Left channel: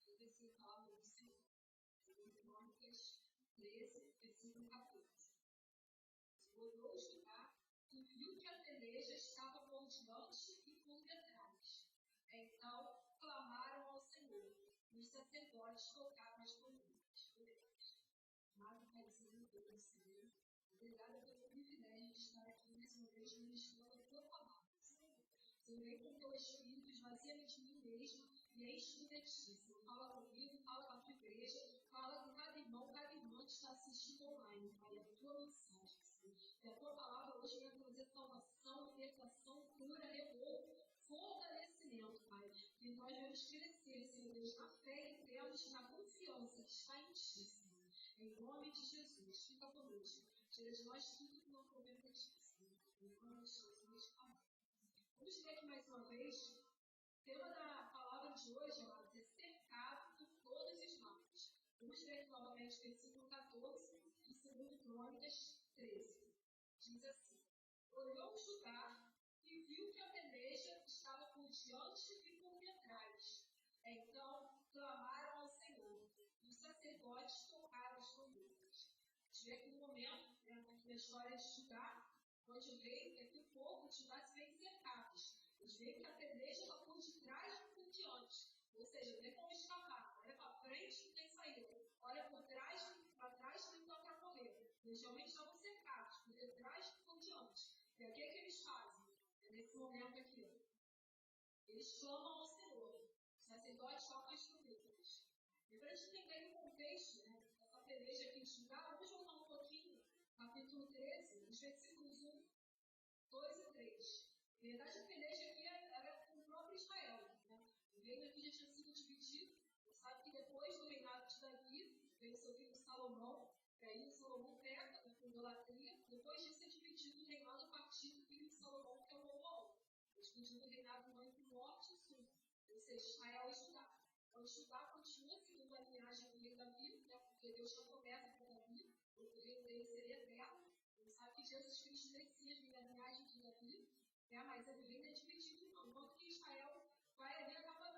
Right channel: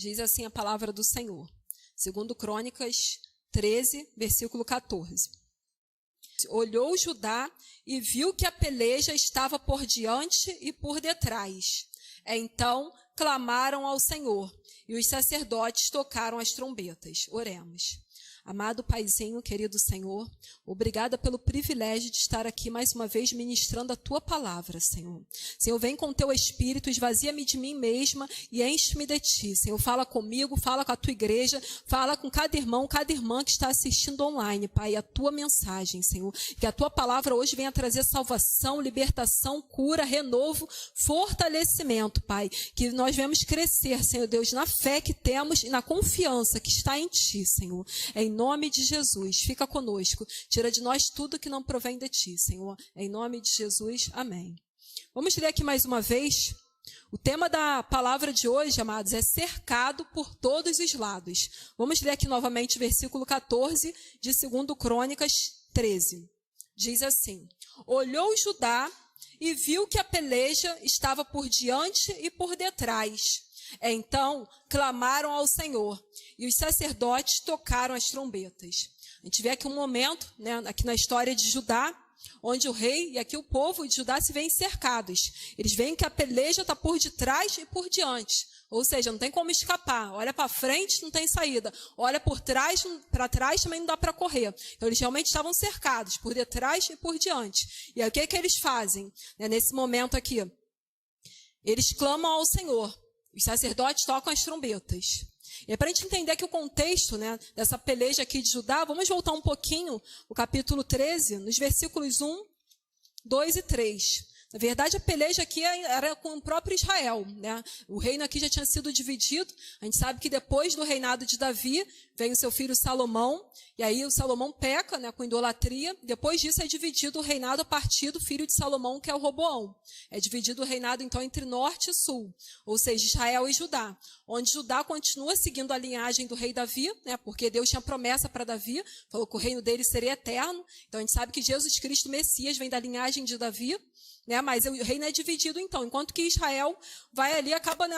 Diz assim a palavra do Senhor. Segundo Crônicas 13, versículo 14. Olhou Judá e viu que a peleja estava por diante e por detrás. Então clamaram ao Senhor e os sacerdotes tocaram as trombetas. Oremos. Amado Paizinho, querido Senhor, obrigada pelo privilégio de estar aqui mais uma vez ministrando a Tua palavra, Senhor. Senhor, vem com Teu Espírito, esvazia-me de mim mesma e enche-me de Ti. Senhor, fala comigo, fala com a Tua igreja, fala com cada irmão, cada irmã que está assistindo online, Pai, a Tua mensagem, Senhor. Que a Tua palavra hoje venha trazer salvação, libertação, cura, renovo, fortalecimento, Pai. Que nós venhamos crescer, Senhor Deus, na fé que temos e na confiança que está em Ti, Senhor. Em nome de Jesus, fica conosco. Tira de nós tudo que não provém de Ti, Senhor. Em nome de Jesus, amém. Vamos ler aqui mais uma vez. O tema da palavra de hoje, amados, é cercado por todos os lados. Vamos ler aqui novamente o versículo 14 de 2 Crônicas 13. Diz assim: Olhou Judá e viu que a peleja estava por diante e por detrás. Então clamaram ao Senhor e os sacerdotes tocaram as trombetas. A gente vê aqui um momento, né, aqui na história de Judá, onde o rei e aqui o povo de Judá se veem cercados. Eles veem que a peleja está por detrás e por diante. Ou seja, não tem como escapar. Olha para frente, não tem saída. Olha por trás, para trás também não dá para correr. Então eles realmente estavam cercados por detrás e por diante. E aí o que que eles fazem, né, nesse momento aqui? Eles clamam ao Senhor. Os sacerdotes tocam as trombetas. E para a gente entender aqui o contexto, né, dessa peleja aqui de Judá, vamos voltar um pouquinho, o capítulo 13, nos versículos 1, 2 e 3. Na verdade, a peleja aqui era com o próprio Israel, né? O reino aqui já tinha sido dividido. A gente sabe que depois do reinado de Davi, vem o seu filho Salomão, e aí o Salomão peca, né, com idolatria. Depois disso é dividido o reinado a partir do filho de Salomão, que é o Roboão. É dividido o reinado, então, entre norte e sul, ou seja, Israel e Judá. Onde Judá continua seguindo a linhagem do rei Davi, né, porque Deus tinha promessa para Davi, falou que o reino dele seria eterno. Então a gente sabe que Jesus Cristo, Messias, vem da linhagem de Davi. Né, mas o reino é dividido então, enquanto que Israel vai ali, acaba, né,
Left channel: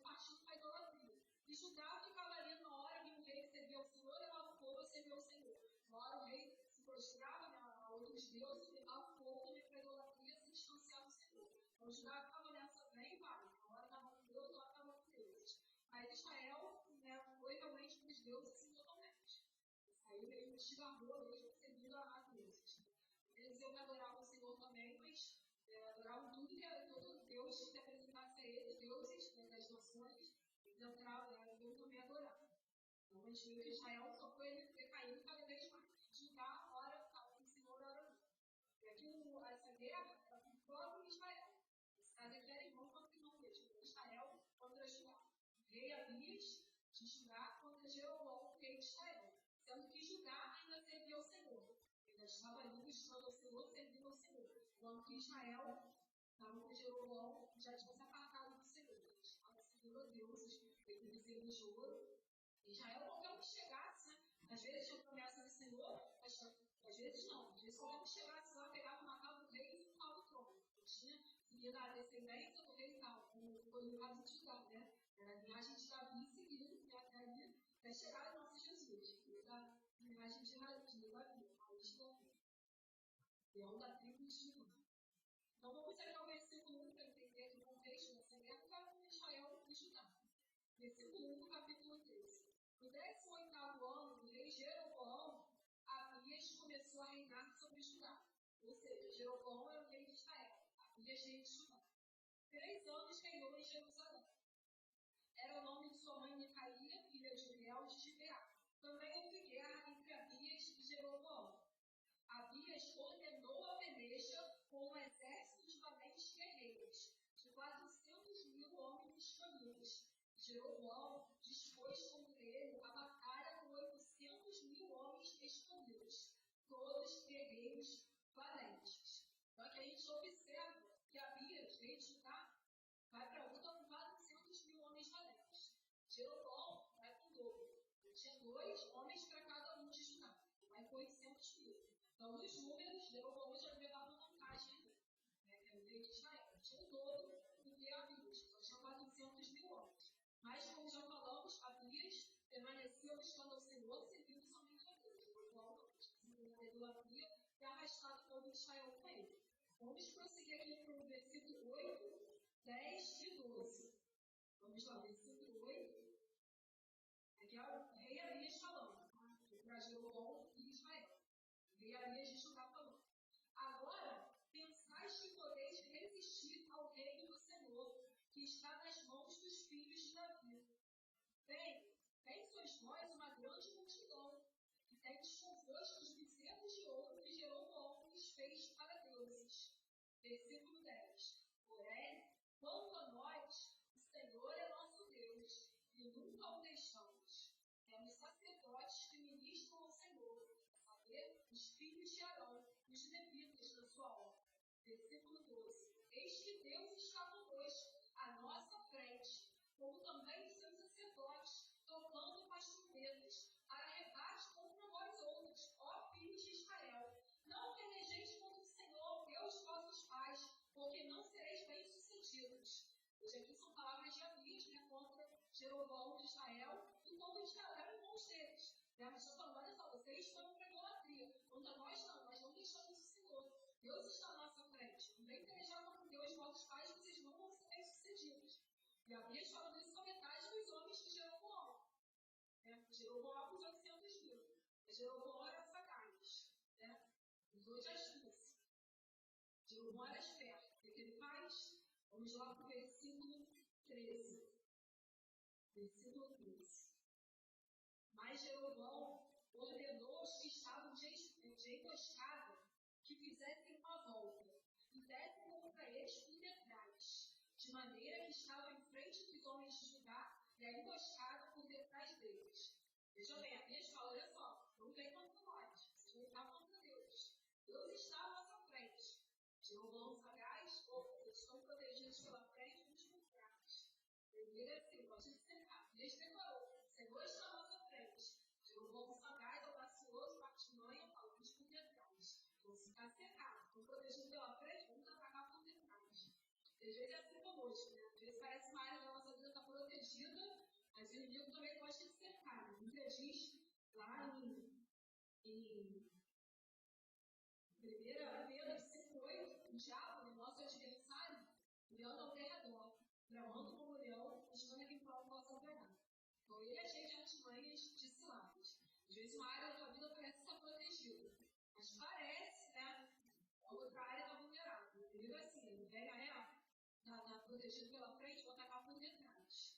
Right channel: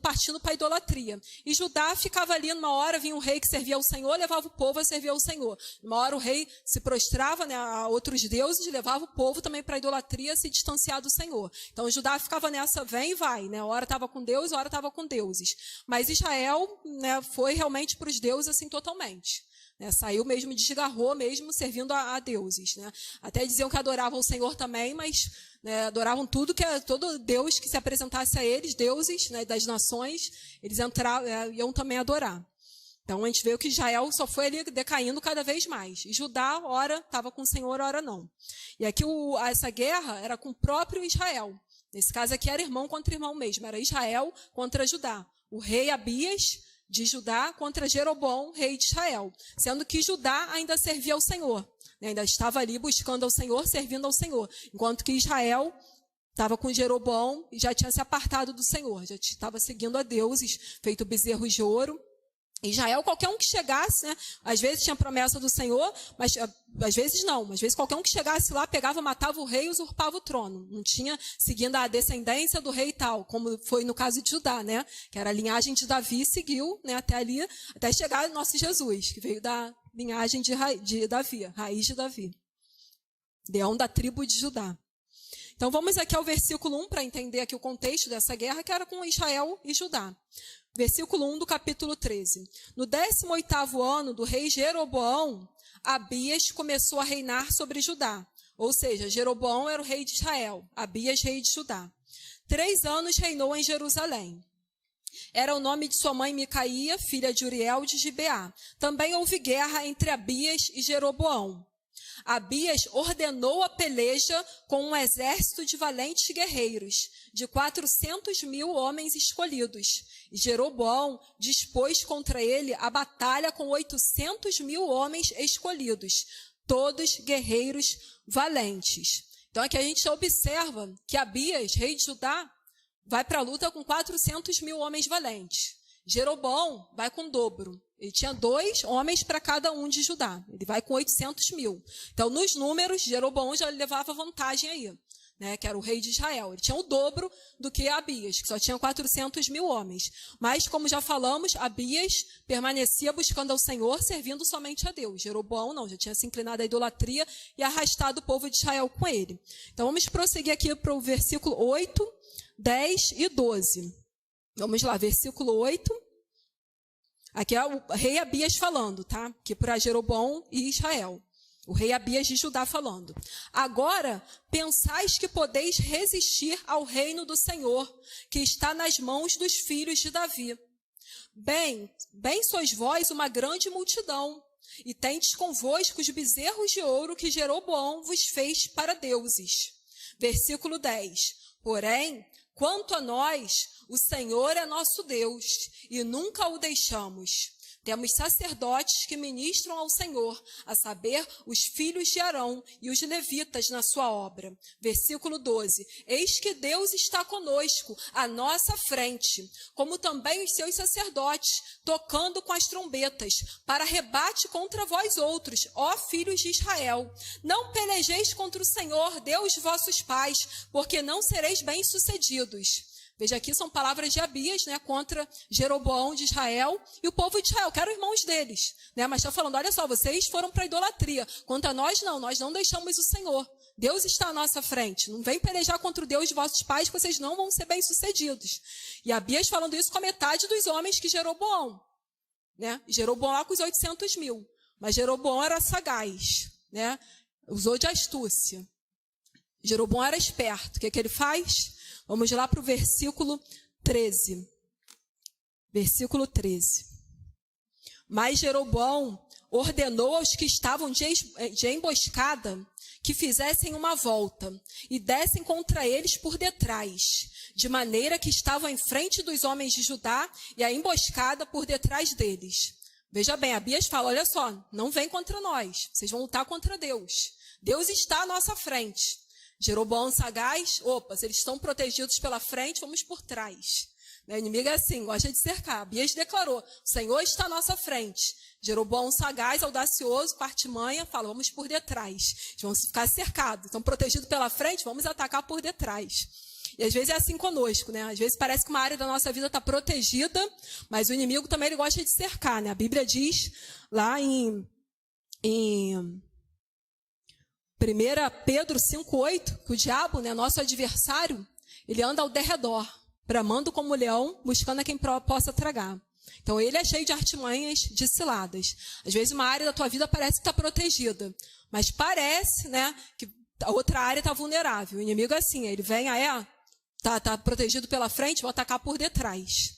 partindo para a idolatria. E Judá ficava ali, numa hora vinha um rei que servia ao Senhor, levava o povo a servir ao Senhor. Numa hora o rei se prostrava, né, a outros deuses, levava o povo também para a idolatria, se distanciar do Senhor. Então Judá ficava nessa, vem e vai, né, a hora estava com Deus, a hora estava com deuses. Mas Israel, né, foi realmente para os deuses assim totalmente. Né, saiu mesmo, desgarrou mesmo, servindo a deuses. Né. Até diziam que adoravam o Senhor também, mas né, adoravam todo Deus que se apresentasse a eles, deuses, né, das nações, eles iam também adorar. Então a gente vê que Israel só foi ali decaindo cada vez mais. E Judá, ora estava com o Senhor, ora não. E aqui essa guerra era com o próprio Israel. Nesse caso aqui era irmão contra irmão mesmo, era Israel contra Judá. O rei Abias de Judá contra Jeroboão, rei de Israel. Sendo que Judá ainda servia ao Senhor. Né, ainda estava ali buscando ao Senhor, servindo ao Senhor. Enquanto que Israel estava com Jeroboão e já tinha se apartado do Senhor. Já estava seguindo a deuses, feito bezerros de ouro. Israel, qualquer um que chegasse, né, às vezes tinha promessa do Senhor, mas às vezes não. Às vezes qualquer um que chegasse lá, pegava, matava o rei e usurpava o trono. Não tinha, seguindo a descendência do rei e tal, como foi no caso de Judá, né? Que era a linhagem de Davi, seguiu, né, até ali, até chegar nosso Jesus, que veio da linhagem de Davi, raiz de Davi. Leão da tribo de Judá. Então vamos aqui ao versículo 1 para entender aqui o contexto dessa guerra, que era com Israel e Judá. Versículo 1 do capítulo 13. No 18º ano do rei Jeroboão, Abias começou a reinar sobre Judá. Ou seja, Jeroboão era o rei de Israel, Abias rei de Judá. 3 anos reinou em Jerusalém. Era o nome de sua mãe Micaía, filha de Uriel de Gibeá. Também houve guerra entre Abias e Jeroboão. Abias ordenou a peleja com um exército de valentes guerreiros, de 400.000 homens escolhidos. E Jeroboão dispôs contra ele a batalha com 800.000 homens escolhidos, todos guerreiros valentes. Então aqui a gente observa que Abias, rei de Judá, vai para a luta com 400.000 homens valentes. Jeroboão vai com o dobro. Ele tinha 2 homens para cada um de Judá. Ele vai com 800.000. Então, nos números, Jeroboão já levava vantagem aí. né, que era o rei de Israel. Ele tinha o dobro do que Abias, que só tinha 400.000 homens. Mas, como já falamos, Abias permanecia buscando ao Senhor, servindo somente a Deus. Jeroboão não, já tinha se inclinado à idolatria e arrastado o povo de Israel com ele. Então, vamos prosseguir aqui para o versículo 8, 10 e 12. Vamos lá, versículo 8. Aqui é o rei Abias falando, tá? Que para Jeroboão e Israel. O rei Abias de Judá falando. Agora, pensais que podeis resistir ao reino do Senhor, que está nas mãos dos filhos de Davi. Bem sois vós uma grande multidão, e tendes convosco os bezerros de ouro que Jeroboão vos fez para deuses. Versículo 10. Porém, quanto a nós, o Senhor é nosso Deus, e nunca o deixamos. Temos sacerdotes que ministram ao Senhor, a saber, os filhos de Arão e os levitas na sua obra. Versículo 12. Eis que Deus está conosco, à nossa frente, como também os seus sacerdotes, tocando com as trombetas, para rebate contra vós outros, ó filhos de Israel. Não pelejeis contra o Senhor, Deus de vossos pais, porque não sereis bem-sucedidos. Veja aqui, são palavras de Abias, né, contra Jeroboão de Israel e o povo de Israel, que eram irmãos deles. Né, mas está falando, olha só, vocês foram para a idolatria. Quanto a nós não deixamos o Senhor. Deus está à nossa frente. Não vem pelejar contra o Deus de vossos pais, que vocês não vão ser bem-sucedidos. E Abias falando isso com a metade dos homens que Jeroboão. Né? Jeroboão lá com os 800.000. Mas Jeroboão era sagaz. Né? Usou de astúcia. Jeroboão era esperto. O que ele faz? Vamos lá para o versículo 13. Versículo 13. Mas Jeroboão ordenou aos que estavam de emboscada que fizessem uma volta e dessem contra eles por detrás, de maneira que estavam em frente dos homens de Judá e a emboscada por detrás deles. Veja bem, Abias fala, olha só, não vem contra nós, vocês vão lutar contra Deus. Deus está à nossa frente. Jeroboão sagaz, se eles estão protegidos pela frente, vamos por trás. O inimigo é assim, gosta de cercar. Abias declarou, o Senhor está à nossa frente. Jeroboão sagaz, audacioso, partimanha, fala, vamos por detrás. Eles vão ficar cercados, estão protegidos pela frente, vamos atacar por detrás. E às vezes é assim conosco, né? Às vezes parece que uma área da nossa vida está protegida, mas o inimigo também ele gosta de cercar, né? A Bíblia diz lá em 1 Pedro 5,8, que o diabo, né, nosso adversário, ele anda ao derredor, bramando como leão, buscando a quem possa tragar. Então, ele é cheio de artimanhas, de ciladas. Às vezes, uma área da tua vida parece que está protegida, mas parece, né, que a outra área está vulnerável. O inimigo é assim, ele vem, está protegido pela frente, vou atacar por detrás.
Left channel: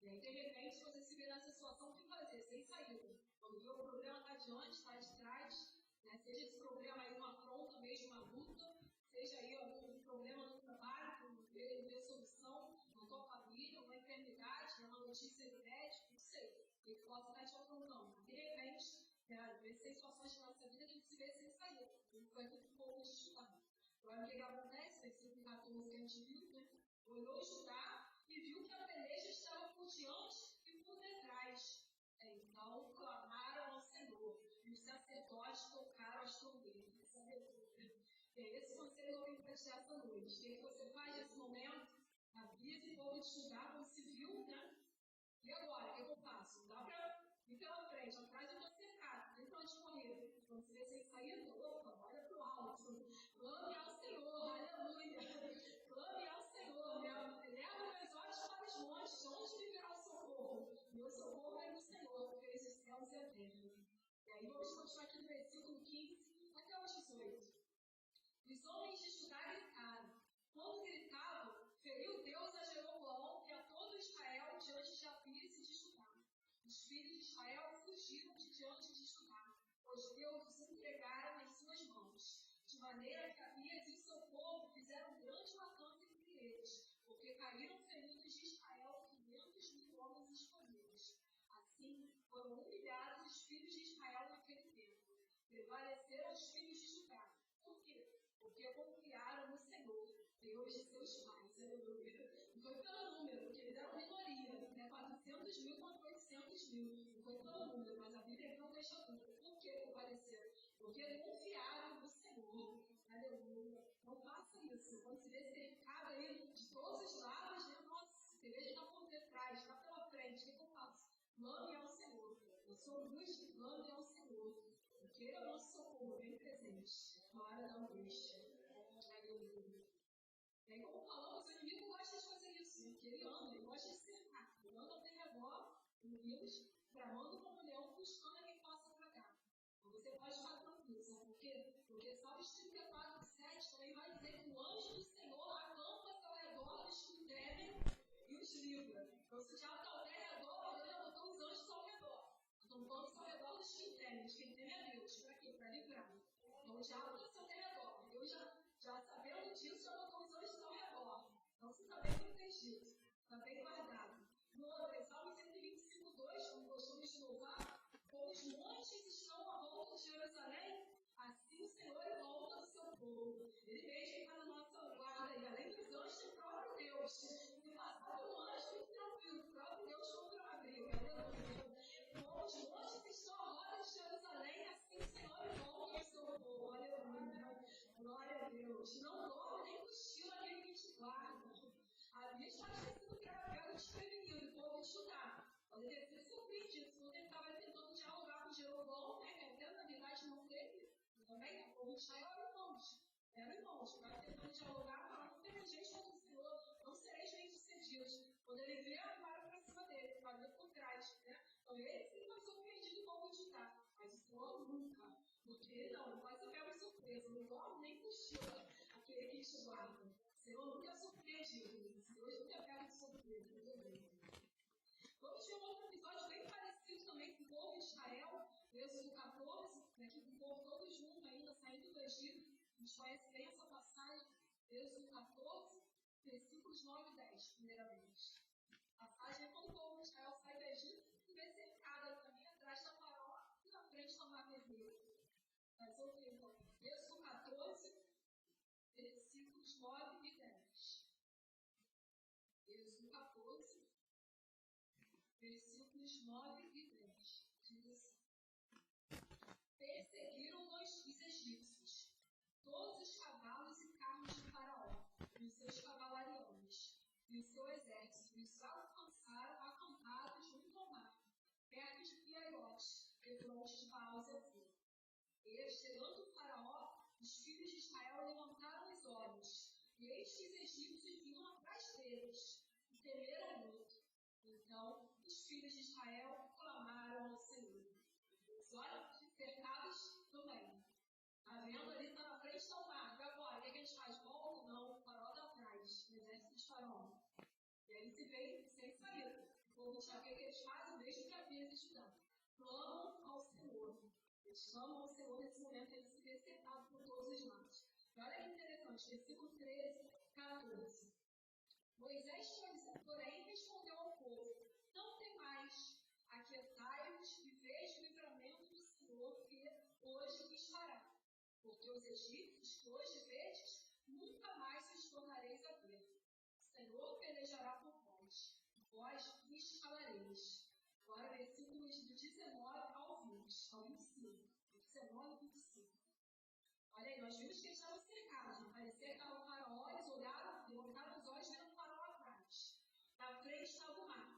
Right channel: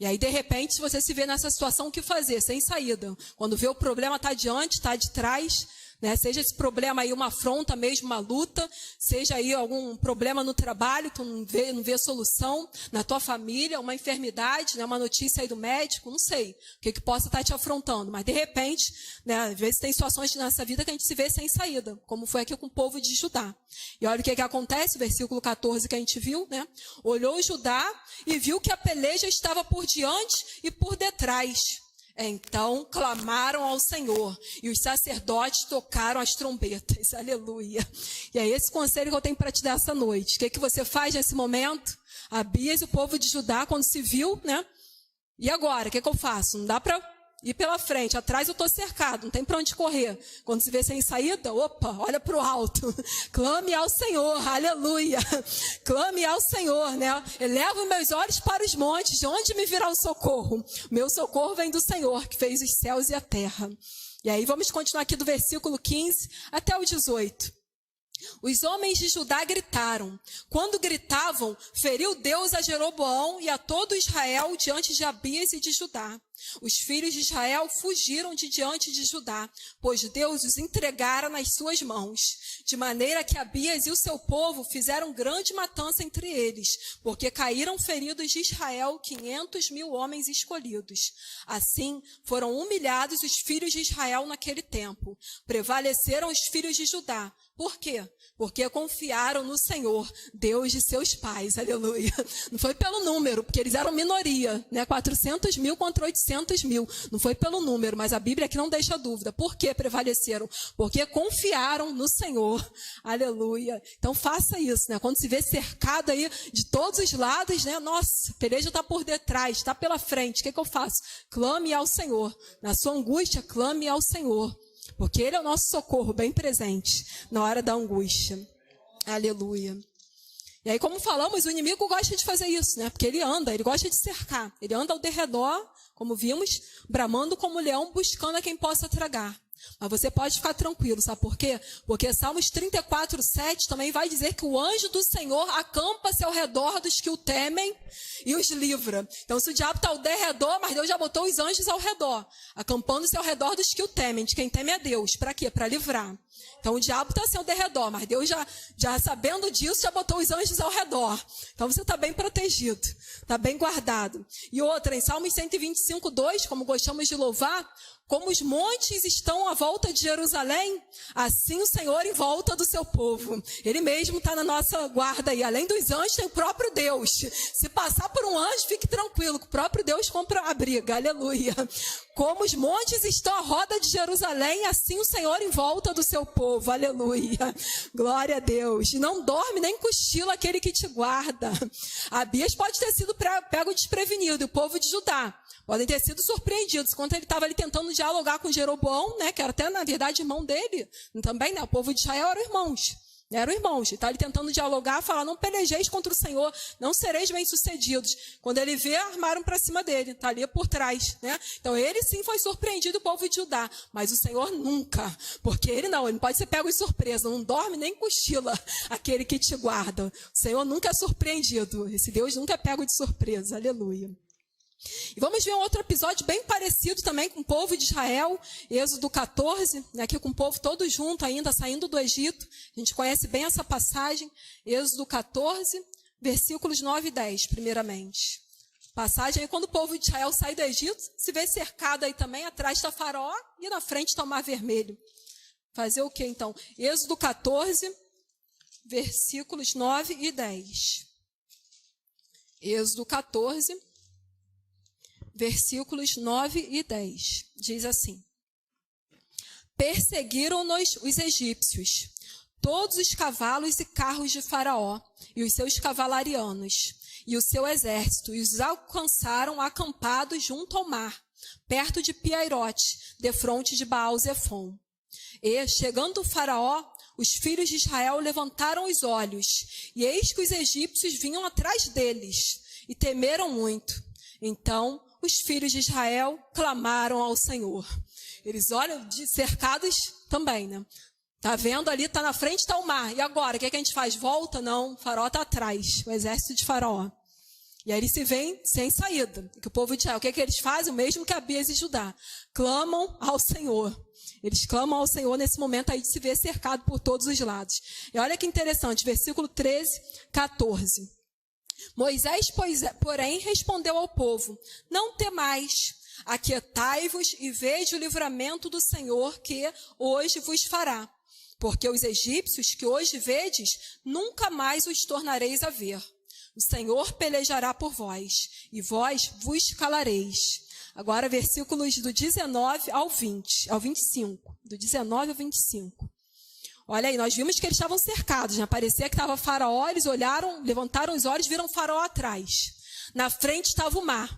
E aí, de repente, se você se vê nessa situação, o que fazer? Sem saída. Quando vê o problema está adiante, está de trás, né? Seja esse problema aí uma afronta mesmo, uma luta, seja aí algum problema no trabalho, tu não vê solução, na tua família, uma enfermidade, né? Uma notícia aí do médico, não sei o que possa estar te afrontando, mas de repente, né? Às vezes tem situações nessa vida que a gente se vê sem saída, como foi aqui com o povo de Judá. E olha o que acontece, o versículo 14 que a gente viu, né? Olhou Judá e viu que a peleja estava por diante e por detrás. Então clamaram ao Senhor e os sacerdotes tocaram as trombetas, aleluia. E é esse conselho que eu tenho para te dar essa noite. O que você faz nesse momento? Abias e o povo de Judá, quando se viu, né? E agora, o que eu faço? Não dá para ir pela frente, atrás eu estou cercado, não tem para onde correr. Quando se vê sem saída, olha para o alto, clame ao Senhor, aleluia, clame ao Senhor, né? Elevo meus olhos para os montes, de onde me virá o socorro? Meu socorro vem do Senhor, que fez os céus e a terra. E aí vamos continuar aqui do versículo 15 até o 18. Os homens de Judá gritaram. Quando gritavam, feriu Deus a Jeroboão e a todo Israel diante de Abias e de Judá. Os filhos de Israel fugiram de diante de Judá, pois Deus os entregara nas suas mãos. De maneira que Abias e o seu povo fizeram grande matança entre eles, porque caíram feridos de Israel 500.000 homens escolhidos. Assim, foram humilhados os filhos de Israel naquele tempo. Prevaleceram os filhos de Judá, Por quê? Porque confiaram no Senhor, Deus de seus pais, aleluia. Não foi pelo número, porque eles eram minoria, né? 400 mil contra 800 mil. Não foi pelo número, mas a Bíblia aqui não deixa dúvida. Por que prevaleceram? Porque confiaram no Senhor, aleluia. Então faça isso, né? Quando se vê cercado aí de todos os lados, né? Nossa, a peleja está por detrás, está pela frente. O que eu faço? Clame ao Senhor. Na sua angústia, clame ao Senhor. Porque Ele é o nosso socorro bem presente na hora da angústia. Aleluia. E aí, como falamos, o inimigo gosta de fazer isso, né? Porque ele gosta de cercar. Ele anda ao derredor, como vimos, bramando como leão, buscando a quem possa tragar. Mas você pode ficar tranquilo, sabe por quê? Porque Salmos 34:7 também vai dizer que o anjo do Senhor acampa-se ao redor dos que o temem e os livra. Então, se o diabo está ao derredor, mas Deus já botou os anjos ao redor, acampando-se ao redor dos que o temem, de quem teme a Deus. Para quê? Para livrar. Então, o diabo está assim ao derredor, mas Deus já sabendo disso, já botou os anjos ao redor. Então, você está bem protegido, está bem guardado. E outra, em Salmos 125:2, como gostamos de louvar, como os montes estão à volta de Jerusalém, assim o Senhor em volta do seu povo. Ele mesmo está na nossa guarda aí. Além dos anjos, tem o próprio Deus. Se passar por um anjo, fique tranquilo, que o próprio Deus compra a briga. Aleluia. Como os montes estão à roda de Jerusalém, assim o Senhor em volta do seu povo. Aleluia. Glória a Deus. E não dorme nem cochila aquele que te guarda. Abias pode ter sido pego desprevenido, e o povo de Judá podem ter sido surpreendidos, enquanto ele estava ali tentando dialogar com Jeroboão, né, que era até, na verdade, irmão dele, também, né, o povo de Israel eram irmãos, ele está ali tentando dialogar, falar, não pelejeis contra o Senhor, não sereis bem-sucedidos. Quando ele vê, armaram para cima dele, está ali por trás, né? Então, ele sim foi surpreendido, o povo de Judá, mas o Senhor nunca, porque ele não pode ser pego de surpresa, não dorme nem cochila aquele que te guarda. O Senhor nunca é surpreendido, esse Deus nunca é pego de surpresa, aleluia. E vamos ver um outro episódio bem parecido também com o povo de Israel, Êxodo 14, né, aqui com o povo todo junto ainda, saindo do Egito. A gente conhece bem essa passagem, Êxodo 14, versículos 9 e 10, primeiramente. Passagem aí quando o povo de Israel sai do Egito, se vê cercado aí também, atrás está Faraó e na frente está o Mar Vermelho. Fazer o que então? Êxodo 14, versículos 9 e 10. Êxodo 14, versículos 9 e 10, diz assim: Perseguiram-nos os egípcios, todos os cavalos e carros de Faraó, e os seus cavalarianos, e o seu exército, e os alcançaram acampados junto ao mar, perto de Piairote, defronte de Baal-Zefon. E, chegando o Faraó, os filhos de Israel levantaram os olhos, e eis que os egípcios vinham atrás deles, e temeram muito. Então, os filhos de Israel clamaram ao Senhor. Eles olham cercados também, né? Tá vendo ali, tá na frente, tá o mar. E agora, o que a gente faz? Volta? Não, o Faraó tá atrás, o exército de Faraó. E aí eles se veem sem saída. Que o povo de Israel, o que eles fazem? O mesmo que Abias e Judá. Clamam ao Senhor. Eles clamam ao Senhor nesse momento aí de se ver cercado por todos os lados. E olha que interessante, versículo 13, 14. Moisés, porém, respondeu ao povo: Não temais, aquietai-vos e veja o livramento do Senhor que hoje vos fará. Porque os egípcios que hoje vedes, nunca mais os tornareis a ver. O Senhor pelejará por vós, e vós vos calareis. Agora, versículos do 19 ao 25. Do 19 ao 25. Olha aí, nós vimos que eles estavam cercados, né? Parecia que estava Faraó, eles olharam, levantaram os olhos, viram Faraó atrás. Na frente estava o mar.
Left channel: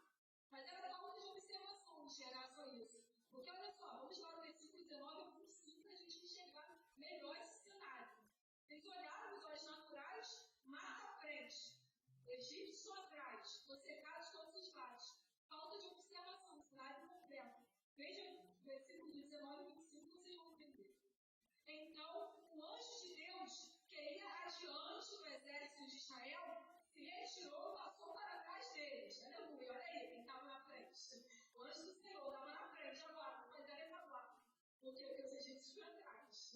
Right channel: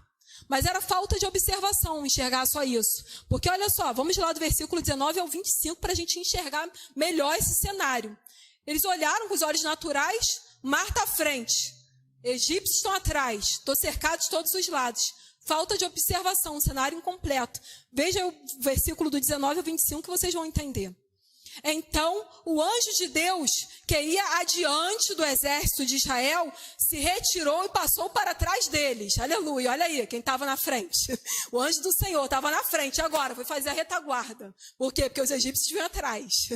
Mas era falta de observação enxergar só isso. Porque olha só, vamos lá do versículo 19 ao 25 para a gente enxergar melhor esse cenário. Eles olharam com os olhos naturais, mar está à frente. Egípcios estão atrás, estou cercado de todos os lados. Falta de observação, um cenário incompleto. Veja o versículo do 19 ao 25 que vocês vão entender. Então, o anjo de Deus, que ia adiante do exército de Israel, se retirou e passou para trás deles. Aleluia, olha aí, quem estava na frente. O anjo do Senhor estava na frente, agora foi fazer a retaguarda. Por quê? Porque os egípcios vinham atrás.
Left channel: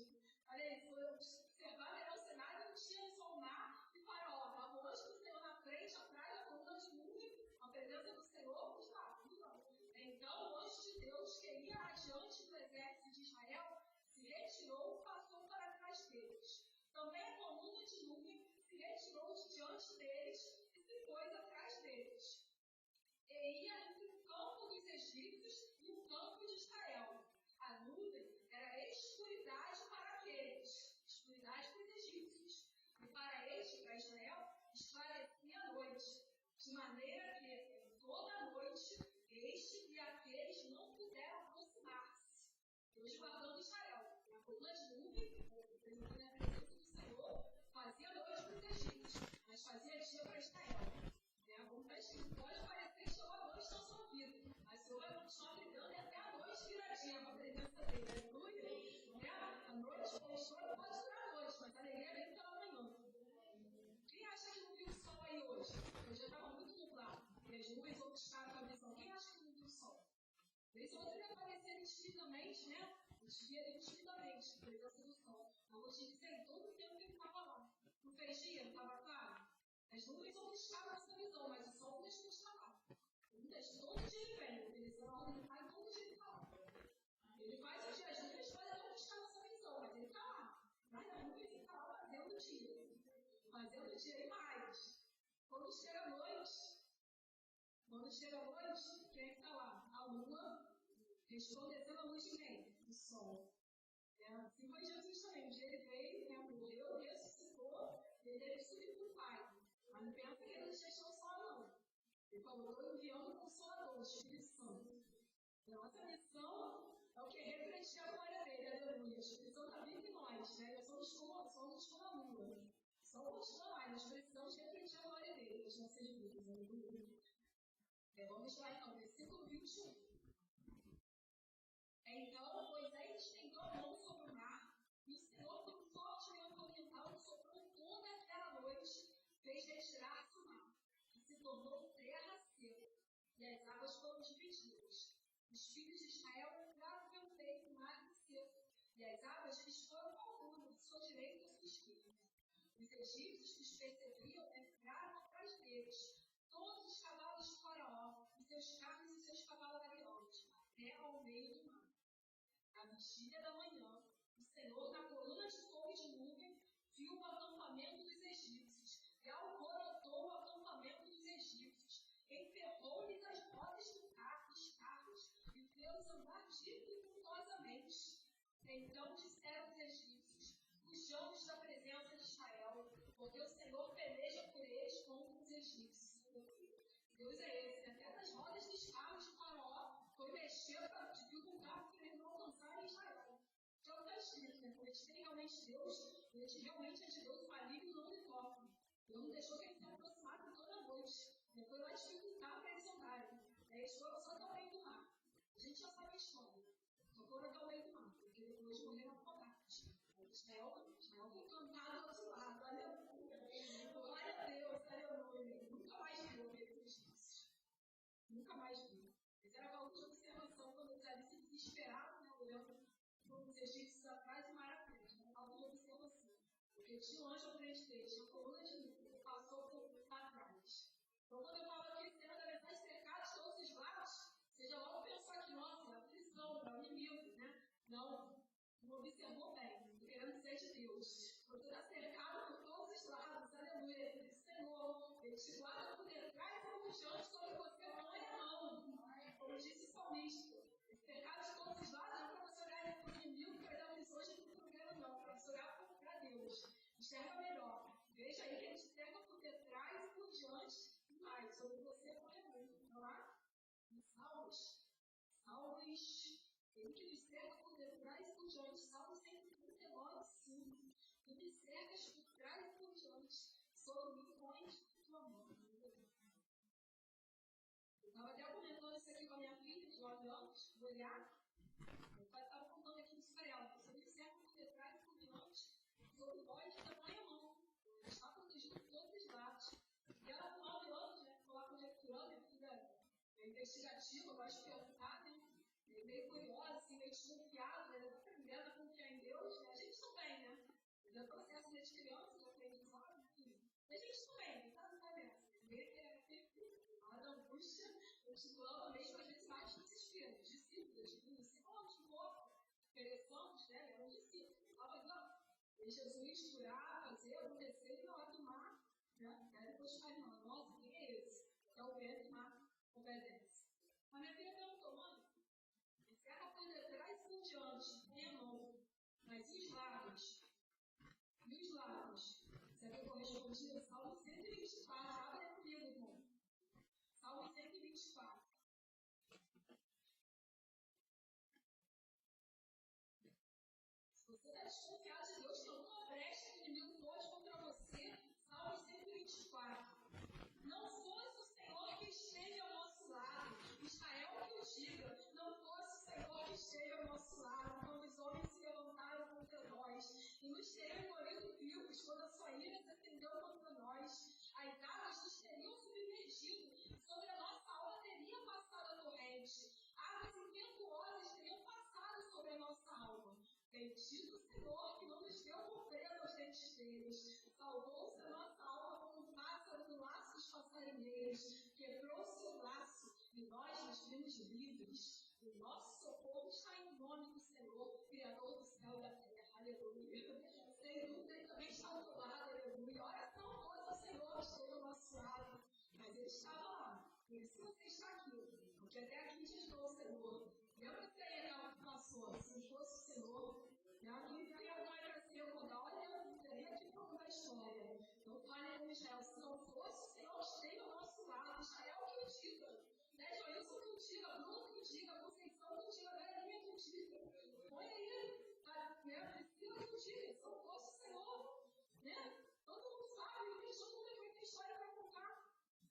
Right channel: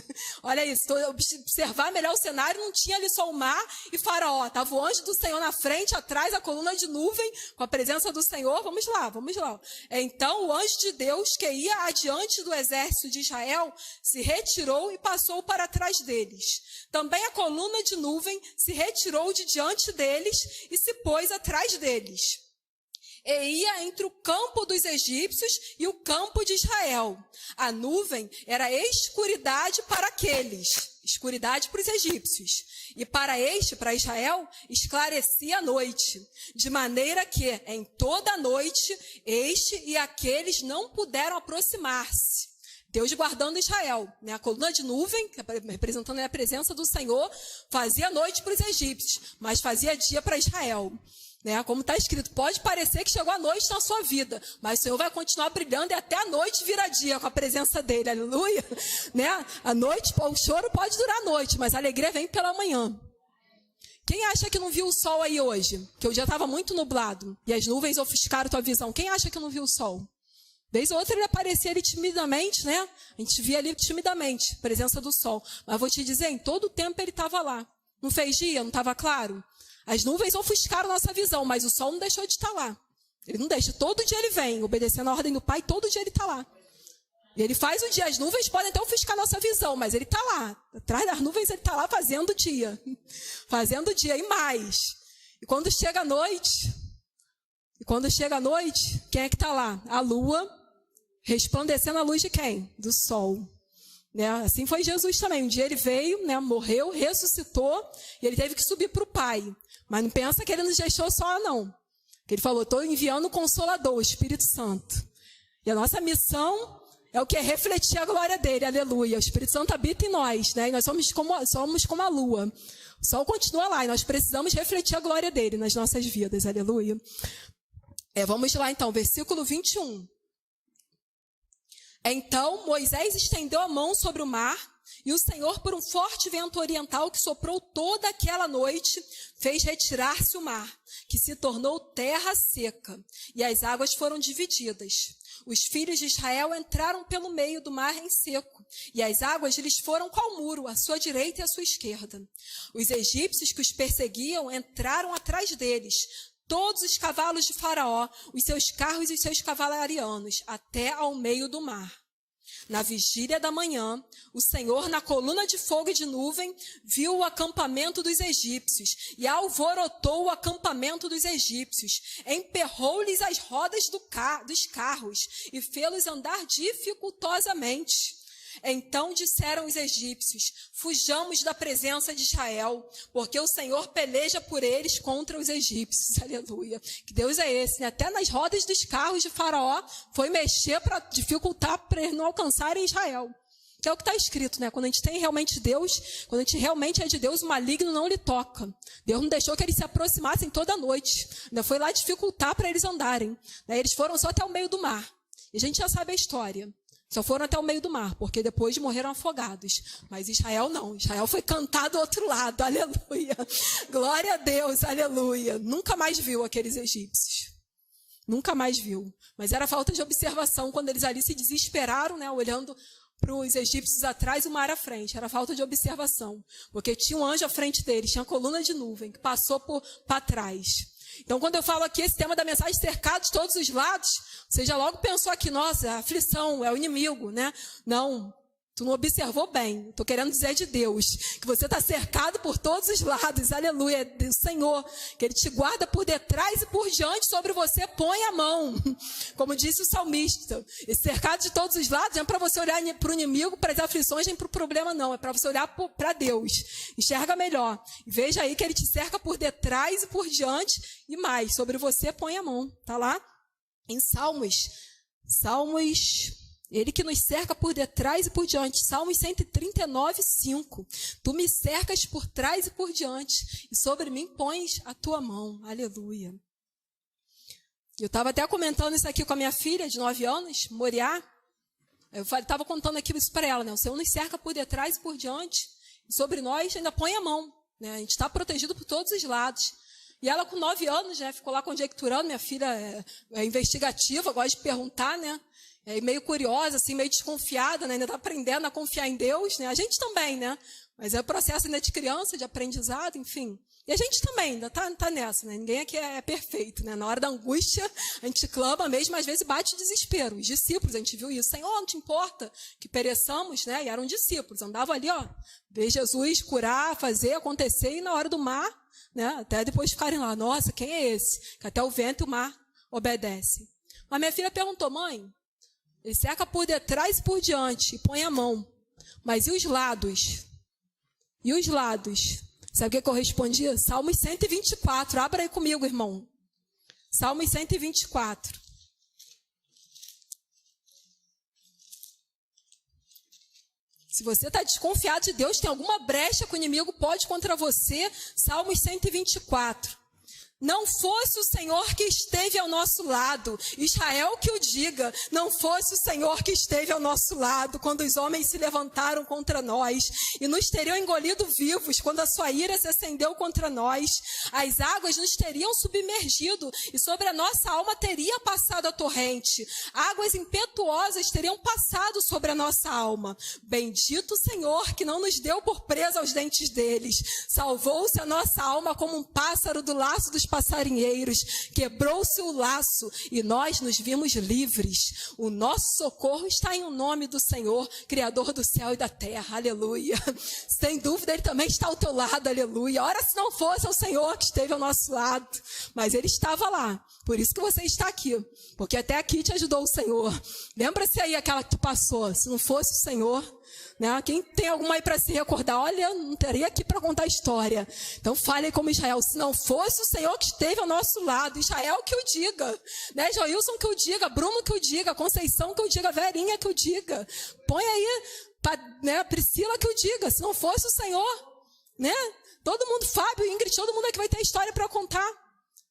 Olha isso, observar melhor o cenário, não tinha ali só o mar e Faraó. Estava o anjo do Senhor na frente, atrás a coluna de nuvem, com a presença do Senhor. Vamos lá. Então, o anjo de Deus, que ia adiante do exército de Israel, se retirou e passou para trás deles. Também a coluna de nuvem se retirou de diante deles e se pôs atrás deles. E ia entre o campo dos egípcios e o campo de Israel. A nuvem era escuridade para aqueles, escuridade para os egípcios. E para Israel, esclarecia a noite. De maneira que, em toda a noite, este e aqueles não puderam aproximar-se. Deus guardando Israel, né? A coluna de nuvem, representando a presença do Senhor, fazia noite para os egípcios, mas fazia dia para Israel. Né? Como está escrito, pode parecer que chegou a noite na sua vida, mas o Senhor vai continuar brilhando e até a noite vira dia com a presença dele, aleluia. Né? A noite, o choro pode durar a noite, mas a alegria vem pela manhã. Quem acha que não viu o sol aí hoje? Que o dia estava muito nublado e as nuvens ofuscaram tua visão. Quem acha que não viu o sol? Vez ou outra ele aparecia ali timidamente, né? A gente via ali timidamente a presença do sol. Mas vou te dizer, em todo o tempo ele estava lá. Não fez dia? Não estava claro? As nuvens ofuscaram nossa visão, mas o sol não deixou de estar lá. Ele não deixa. Todo dia ele vem, obedecendo a ordem do Pai, todo dia ele está lá. E ele faz o dia. As nuvens podem até ofuscar nossa visão, mas ele está lá. Atrás das nuvens ele está lá fazendo o dia. Fazendo o dia e mais. E quando chega a noite, quem é que está lá? A lua, resplandecendo a luz de quem? Do sol. Né? Assim foi Jesus também. Um dia ele veio, né, morreu, ressuscitou, e ele teve que subir para o Pai. Mas não pensa que ele nos deixou só, não. Ele falou, estou enviando o Consolador, o Espírito Santo. E a nossa missão é o que? É refletir a glória dele, aleluia. O Espírito Santo habita em nós, né? E nós somos como a lua. O sol continua lá e nós precisamos refletir a glória dele nas nossas vidas, aleluia. Vamos lá então, versículo 21. Então Moisés estendeu a mão sobre o mar, e o Senhor, por um forte vento oriental que soprou toda aquela noite, fez retirar-se o mar, que se tornou terra seca, e as águas foram divididas. Os filhos de Israel entraram pelo meio do mar em seco, e as águas lhes foram qual muro, à sua direita e à sua esquerda. Os egípcios que os perseguiam entraram atrás deles, todos os cavalos de Faraó, os seus carros e os seus cavalarianos, até ao meio do mar. Na vigília da manhã, o Senhor, na coluna de fogo e de nuvem, viu o acampamento dos egípcios e alvorotou o acampamento dos egípcios, emperrou-lhes as rodas dos carros e fê-los andar dificultosamente. Então disseram os egípcios, fujamos da presença de Israel, porque o Senhor peleja por eles contra os egípcios. Aleluia. Que Deus é esse, né? Até nas rodas dos carros de Faraó foi mexer para dificultar para eles não alcançarem Israel. Que é o que está escrito, né? Quando a gente tem realmente Deus, quando a gente realmente é de Deus, o maligno não lhe toca. Deus não deixou que eles se aproximassem toda noite. Ainda foi lá dificultar para eles andarem. Eles foram só até o meio do mar. E a gente já sabe a história. Só foram até o meio do mar, porque depois morreram afogados. Mas Israel não. Israel foi cantar do outro lado. Aleluia. Glória a Deus. Aleluia. Nunca mais viu aqueles egípcios. Nunca mais viu. Mas era falta de observação quando eles ali se desesperaram, né, olhando para os egípcios atrás e o mar à frente. Era falta de observação. Porque tinha um anjo à frente deles, tinha coluna de nuvem que passou para trás. Então, quando eu falo aqui esse tema da mensagem, cercado de todos os lados, você já logo pensou aqui, nossa, a aflição, é o inimigo, né? Não, tu não observou bem. Estou querendo dizer de Deus, que você está cercado por todos os lados, aleluia, é do Senhor, que Ele te guarda por detrás e por diante, sobre você põe a mão, como disse o salmista. E cercado de todos os lados, não é para você olhar para o inimigo, para as aflições, nem para o problema, não. É para você olhar para Deus. Enxerga melhor. E veja aí que Ele te cerca por detrás e por diante, e mais, sobre você põe a mão. Está lá em Salmos, Ele que nos cerca por detrás e por diante. Salmos 139, 5. Tu me cercas por trás e por diante, e sobre mim pões a tua mão. Aleluia. Eu estava até comentando isso aqui com a minha filha, de 9 anos, Moriá. Eu estava contando aqui isso para ela, né? O Senhor nos cerca por detrás e por diante, e sobre nós ainda põe a mão. Né? A gente está protegido por todos os lados. E ela, com 9 anos, né, ficou lá conjecturando. Minha filha é investigativa, gosta de perguntar, né? Meio curiosa, assim, meio desconfiada, né? Ainda está aprendendo a confiar em Deus, né? A gente também, né? Mas é o processo ainda de criança, de aprendizado, enfim. E a gente também ainda tá nessa, né? Ninguém aqui é perfeito, né? Na hora da angústia, a gente clama mesmo, às vezes bate desespero. Os discípulos, a gente viu isso. Senhor, não te importa que pereçamos, né? E eram discípulos, andavam ali, ver Jesus curar, fazer acontecer, e na hora do mar, né? Até depois ficarem lá, nossa, quem é esse? Que até o vento e o mar obedecem. Mas minha filha perguntou, mãe, ele cerca por detrás e por diante, e põe a mão. Mas e os lados? E os lados? Sabe o que eu respondi? Salmos 124. Abra aí comigo, irmão. Salmos 124. Se você está desconfiado de Deus, tem alguma brecha que o inimigo pode contra você, Salmos 124. Não fosse o Senhor que esteve ao nosso lado, Israel que o diga, não fosse o Senhor que esteve ao nosso lado, quando os homens se levantaram contra nós, e nos teriam engolido vivos, quando a sua ira se acendeu contra nós, as águas nos teriam submergido, e sobre a nossa alma teria passado a torrente, águas impetuosas teriam passado sobre a nossa alma. Bendito o Senhor, que não nos deu por presa aos dentes deles, salvou-se a nossa alma como um pássaro do laço dos passarinheiros, quebrou-se o laço e nós nos vimos livres. O nosso socorro está em o nome do Senhor, Criador do céu e da terra, aleluia. Sem dúvida ele também está ao teu lado, aleluia. Ora, se não fosse o Senhor que esteve ao nosso lado, mas ele estava lá, por isso que você está aqui, porque até aqui te ajudou o Senhor. Lembra-se aí aquela que tu passou, se não fosse o Senhor, né? Quem tem alguma aí para se recordar? Olha, não teria aqui para contar a história. Então fale como Israel, se não fosse o Senhor que esteve ao nosso lado, Israel que o diga, né? Joilson que o diga, Bruno que o diga, Conceição que o diga, Verinha que o diga. Põe aí, né? Priscila que o diga, se não fosse o Senhor, né? Todo mundo, Fábio, Ingrid, todo mundo aqui vai ter história para contar.